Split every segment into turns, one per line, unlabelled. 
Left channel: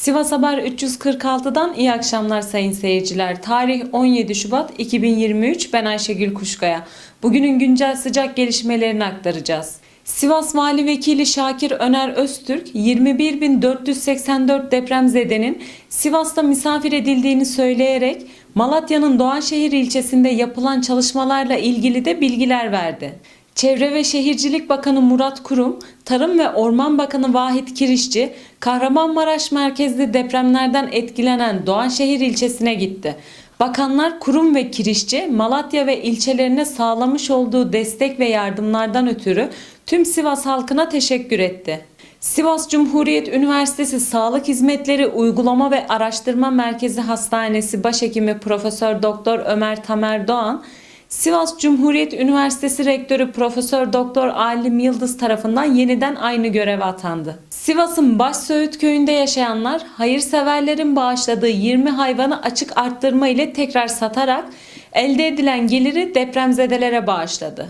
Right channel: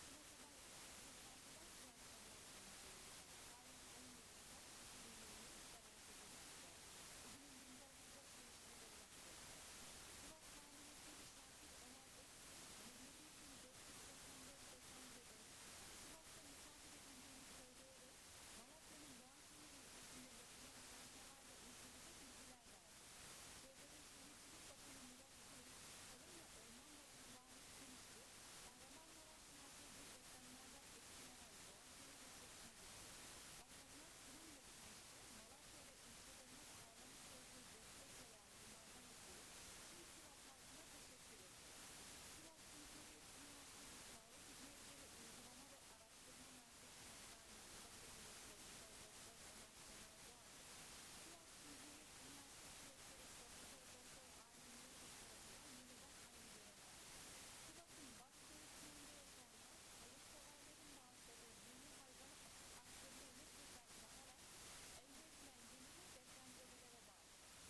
Sivas Haber 346'dan iyi akşamlar sayın seyirciler. Tarih 17 Şubat 2023. Ben Ayşegül Kuşkaya. Bugünün güncel sıcak gelişmelerini aktaracağız. Sivas Vali Vekili Şakir Öner Öztürk, 21.484 depremzedenin Sivas'ta misafir edildiğini söyleyerek Malatya'nın Doğanşehir ilçesinde yapılan çalışmalarla ilgili de bilgiler verdi. Çevre ve Şehircilik Bakanı Murat Kurum, Tarım ve Orman Bakanı Vahit Kirişçi, Kahramanmaraş merkezli depremlerden etkilenen Doğanşehir ilçesine gitti. Bakanlar Kurum ve Kirişçi, Malatya ve ilçelerine sağlamış olduğu destek ve yardımlardan ötürü tüm Sivas halkına teşekkür etti. Sivas Cumhuriyet Üniversitesi Sağlık Hizmetleri Uygulama ve Araştırma Merkezi Hastanesi Başhekimi Profesör Doktor Ömer Tamer Doğan, Sivas Cumhuriyet Üniversitesi Rektörü Profesör Doktor Alim Yıldız tarafından yeniden aynı göreve atandı. Sivas'ın Başsöğüt köyünde yaşayanlar hayırseverlerin bağışladığı 20 hayvanı açık arttırma ile tekrar satarak elde edilen geliri depremzedelere bağışladı.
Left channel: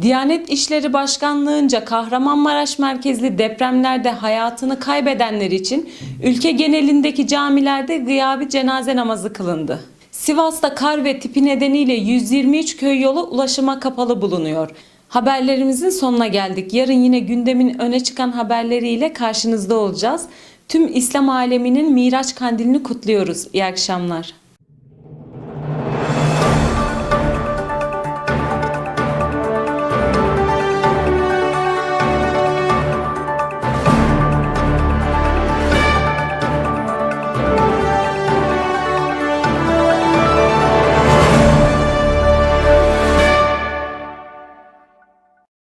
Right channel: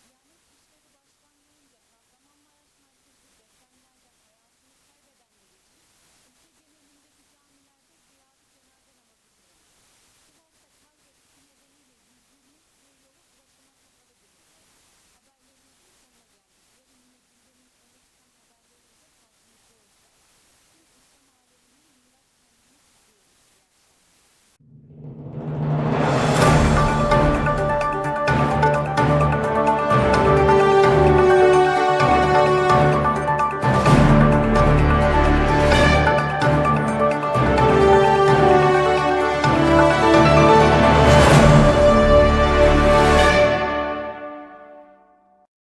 Diyanet İşleri Başkanlığı'nca Kahramanmaraş merkezli depremlerde hayatını kaybedenler için ülke genelindeki camilerde gıyabi cenaze namazı kılındı. Sivas'ta kar ve tipi nedeniyle 123 köy yolu ulaşıma kapalı bulunuyor. Haberlerimizin sonuna geldik. Yarın yine gündemin öne çıkan haberleriyle karşınızda olacağız. Tüm İslam aleminin Miraç kandilini kutluyoruz. İyi akşamlar.